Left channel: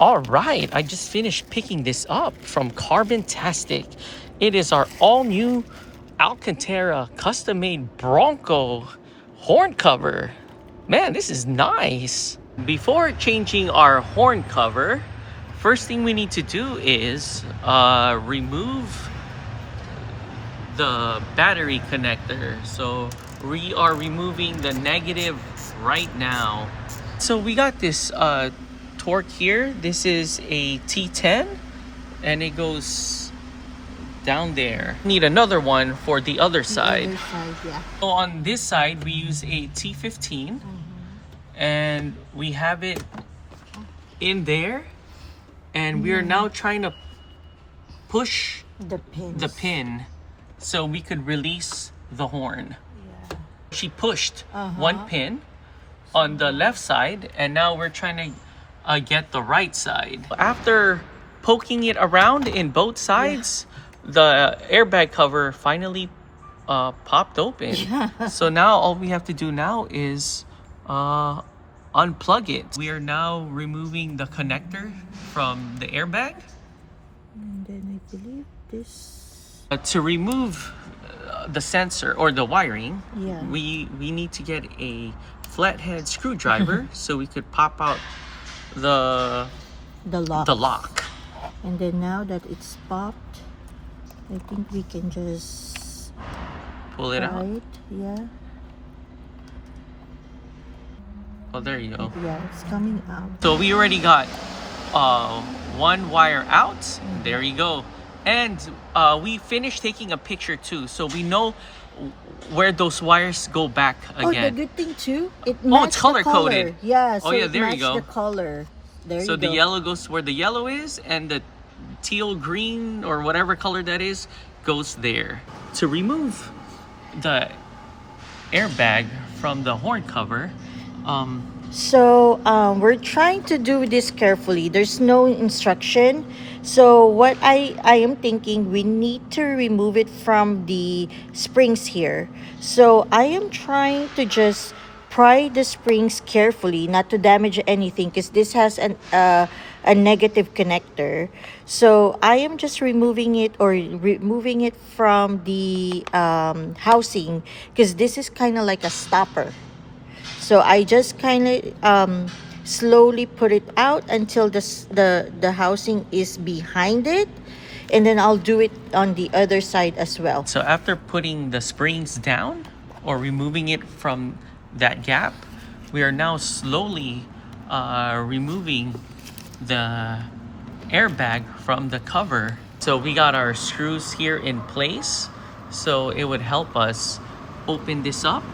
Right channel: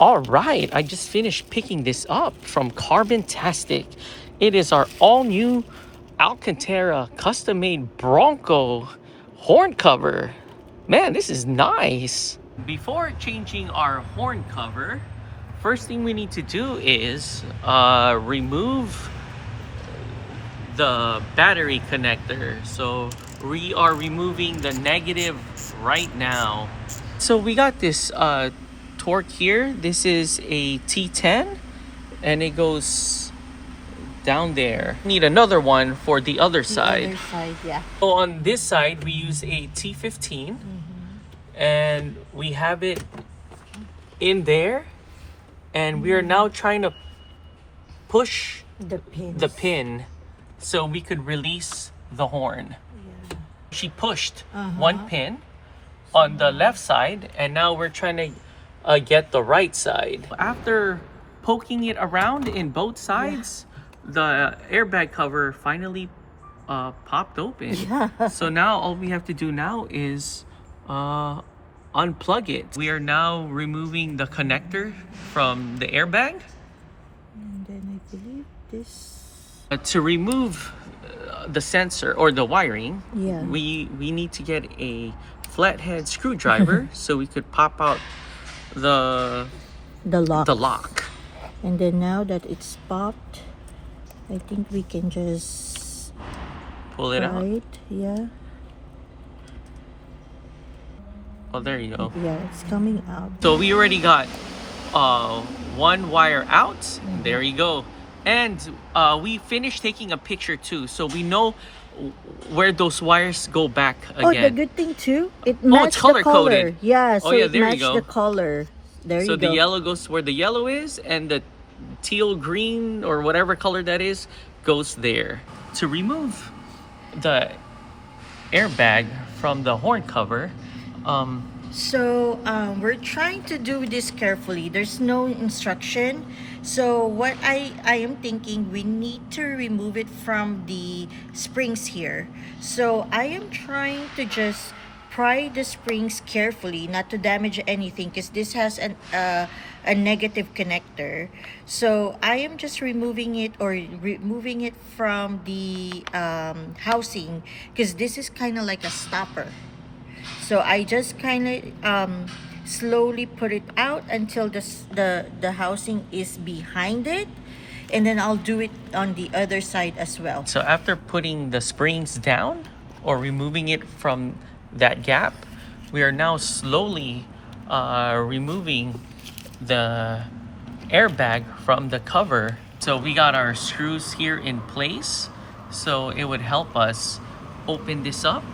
All right, I just finished picking this up from CARBONTASTIC. It is our all-new Alcantara custom-made Bronco horn cover. Man, this is nice. Before changing our horn cover, first thing we need to do is remove the battery connector. So we are removing the negative right now. So we got this torque here. This is a T10 and it goes down there. Need another one for the other side. Yeah. So on this side we use a T15 and we have it in there, and we are now trying to push the pin so we could release the horn. Yeah. She pushed one pin on the left side, and now we're trying to get the right side. After poking it around in both sides, the airbag cover finally popped open. So now all we have to do now is unplug it. We are now removing the connector from the airbag. And then I believe this... To remove the sensor or the wiring, Yeah. we need to get a flathead screwdriver so we could pop out the lock. And then now that it's popped, I think we can just pull it out. Yeah. Oh, there you go. Yeah, it's coming out. So we already got one wire out. There you go. And we finished taking a picture too, so we know where those wires go back again. Oh, the good thing too, it's color coded. Yeah. So there you go. The color. There so you go. the yellow goes where the yellow is, and the teal green or whatever color that is goes there. To remove the airbag from the horn cover, we're trying to do this carefully. There's no instruction. So what I am thinking, we need to remove it from the springs here. So I am trying to just pry the springs carefully, not to damage anything, because this has a negative connector. So I am just removing it from the housing, because this is kind of like a stopper. So I just kind of slowly put it out until the housing is behind it, and then I'll do it on the other side as well. So after putting the springs down or removing it from that gap, we are now slowly removing the airbag from the cover. So we got our screws here in place, so it would help us open this up.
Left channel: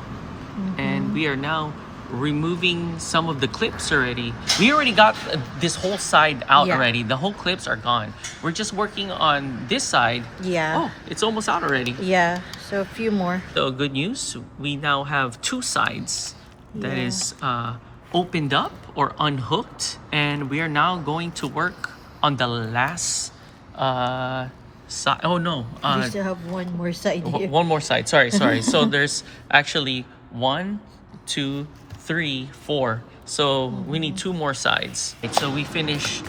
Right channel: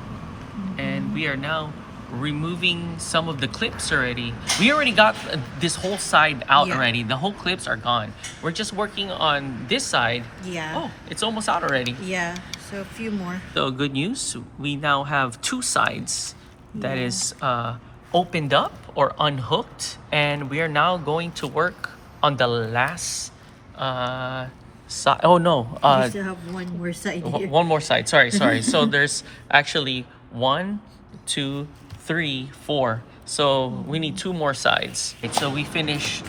And we are now removing some of the clips already. We already got this whole side out already. The whole clips are gone. We're just working on this side. Yeah. Oh, it's almost out already. Yeah, so a few more. So good news, we now have two sides that is opened up or unhooked, and we are now going to work on the last side. Oh no, we still have one more side here. One more side, sorry. So there's actually 1, 2, 3, 4. So we need 2 more sides. So we finished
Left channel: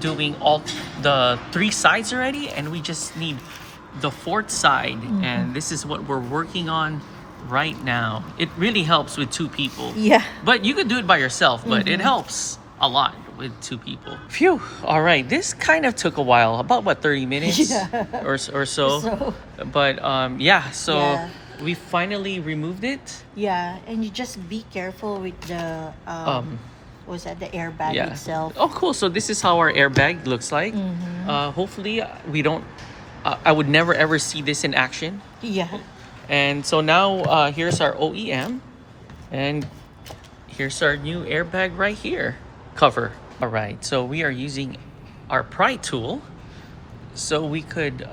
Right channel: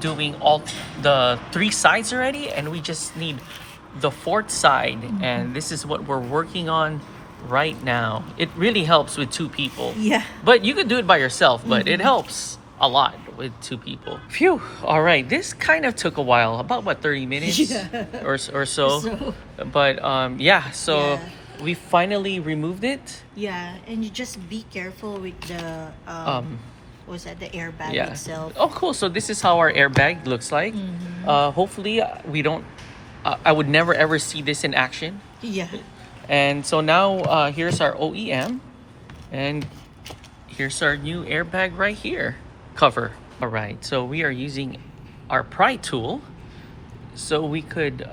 doing all the 3 sides already, and we just need the 4th side. And this is what we're working on right now. It really helps with 2 people. Yeah. But you could do it by yourself, but it helps a lot with 2 people. Phew. All right, this kind of took a while, about what, 30 minutes or so. But we finally removed it. Yeah, and you just be careful with the the airbag itself. Oh, cool. So this is how our airbag looks like. Hopefully we don't I would never ever see this in action. Yeah. And so now here's our OEM, and here's our new airbag right here cover. All right, so we are using our pry tool so we could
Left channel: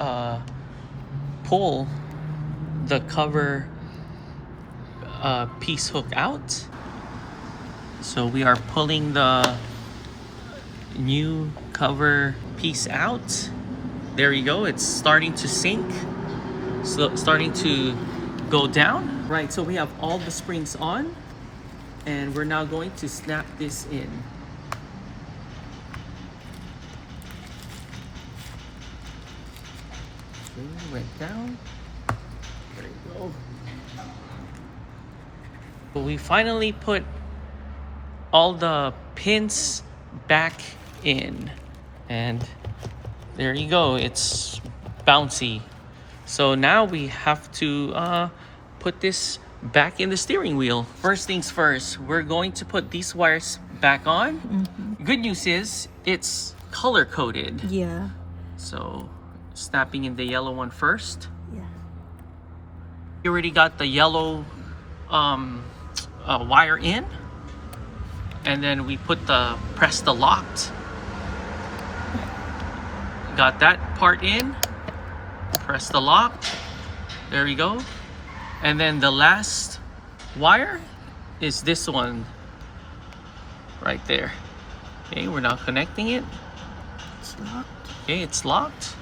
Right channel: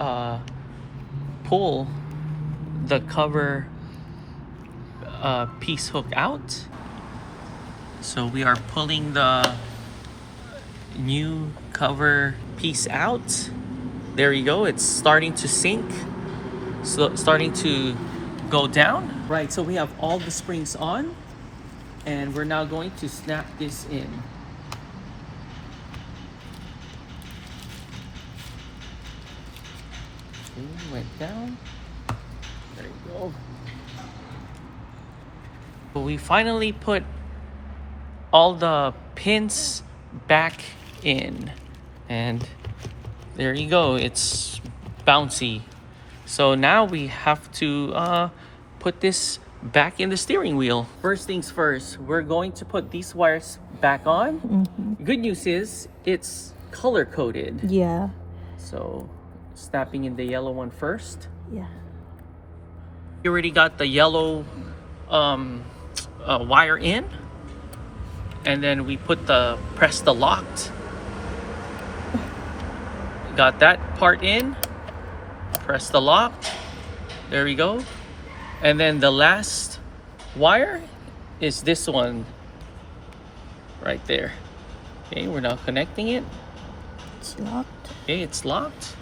pull the cover piece hook out. So we are pulling the new cover piece out. There you go. It's starting to sink, so starting to go down. Right, so we have all the springs on, and we're now going to snap this in. Okay, went down. There we go. But we finally put all the pins back in, and there you go, it's bouncy. So now we have to put this back in the steering wheel. First things first, we're going to put these wires back on. Good news is it's color coded. Yeah. So snapping in the yellow one first. Yeah. You already got the yellow wire in, and then we press the locked. Got that part in. Press the lock. There we go. And then the last wire is this one right there. Okay, we're now connecting it. It's locked. Okay, it's locked.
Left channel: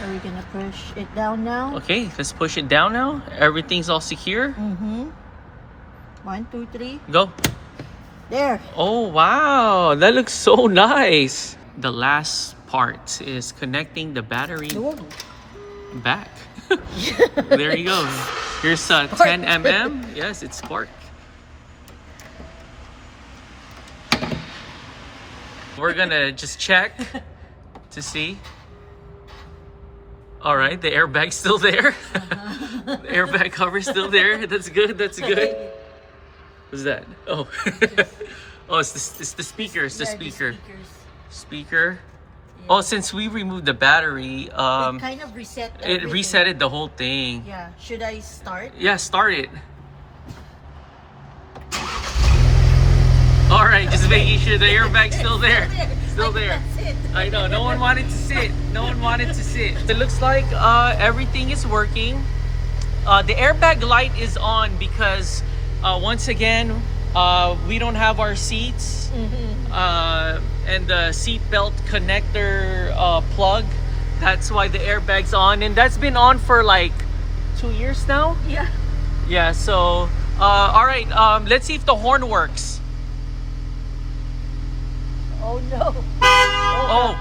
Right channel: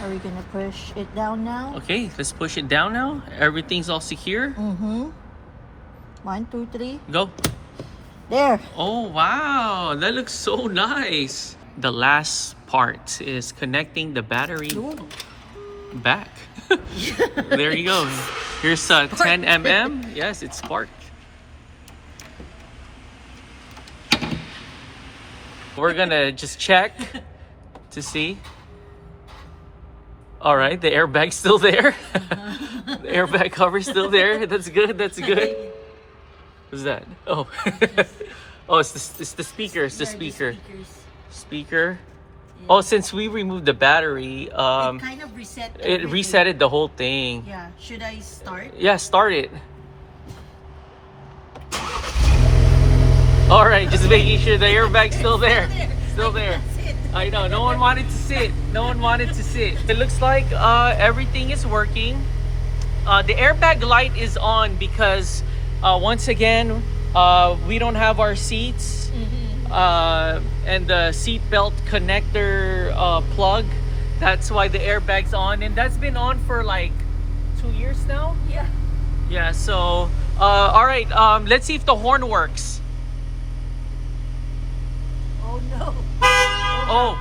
Are we gonna push it down now? Okay, let's push it down now. Everything's all secure. 1, 2, 3. Go. There. Oh, wow. That looks so nice. The last part is connecting the battery back. There you go. Here's 10 mm. Yes, it's spark. We're gonna just check to see. All right, the airbag's still there. The airbag cover's still there. That's good. That's good. What's that? Oh, oh, it's the speaker. It's the speaker. Speaker. Yeah. Oh, since we removed the battery, It kind of reset. it resetted the whole thing. Yeah. Should I start? Yeah, start it. All right, just making sure the airbag's still there. Still there. I know, no one wanted to sit. No one wanted to sit. It looks like everything is working. The airbag light is on because once again, we don't have our seats. And the seat belt connector plug. That's why the airbag's on. And that's been on for like 2 years now. Yeah. Yeah, so, all right, let's see if the horn works. Oh no. Oh,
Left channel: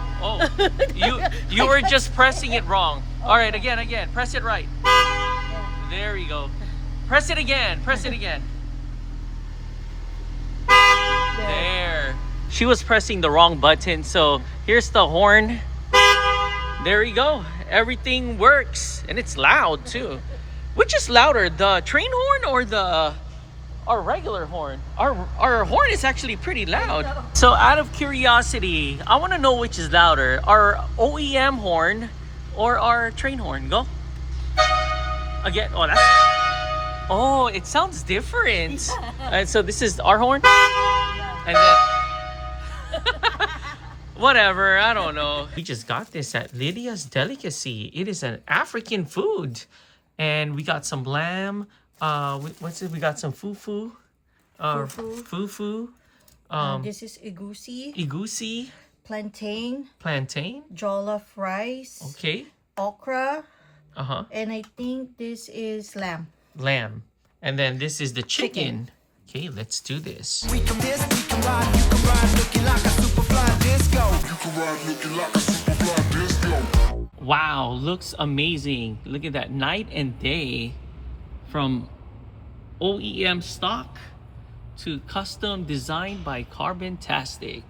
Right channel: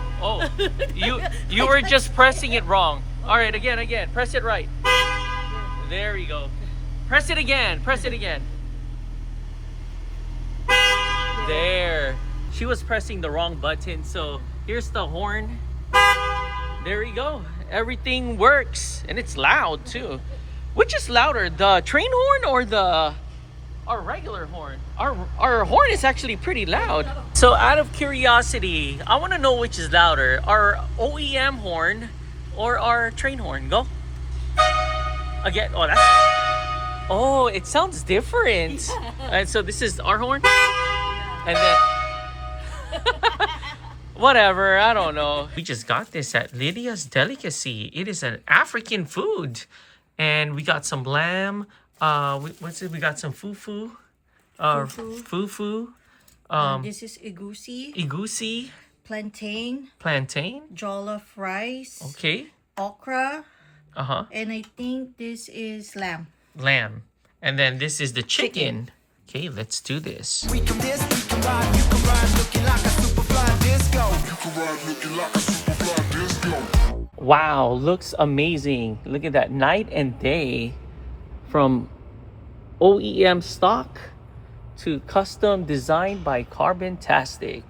you were just pressing it wrong. All right, again, press it right. There you go. Press it again, There. She was pressing the wrong button, so here's the horn. There you go. Everything works, and it's loud too. Which is louder, the train horn or our regular horn? Our horn is actually pretty loud. So out of curiosity, I want to know which is louder, our OEM horn or our train horn. Go. Again. Oh, it sounds different. And so this is our horn, and then whatever, I don't know. We just got this at Lydia's Delicacy. It is an African food, and we got some lamb. What's it? We got some fufu. Fufu. This is egusi. Egusi. Plantain. Jollof rice. Okay. Okra. And I think this is lamb. And then this is the chicken. Okay, let's do this. We can ride, you can ride looking like a super fly disco. You can ride looking like a super fly disco. Wow, looks amazing. Look at that, night and day. From OEM stock to custom designed by CARBONTASTIC.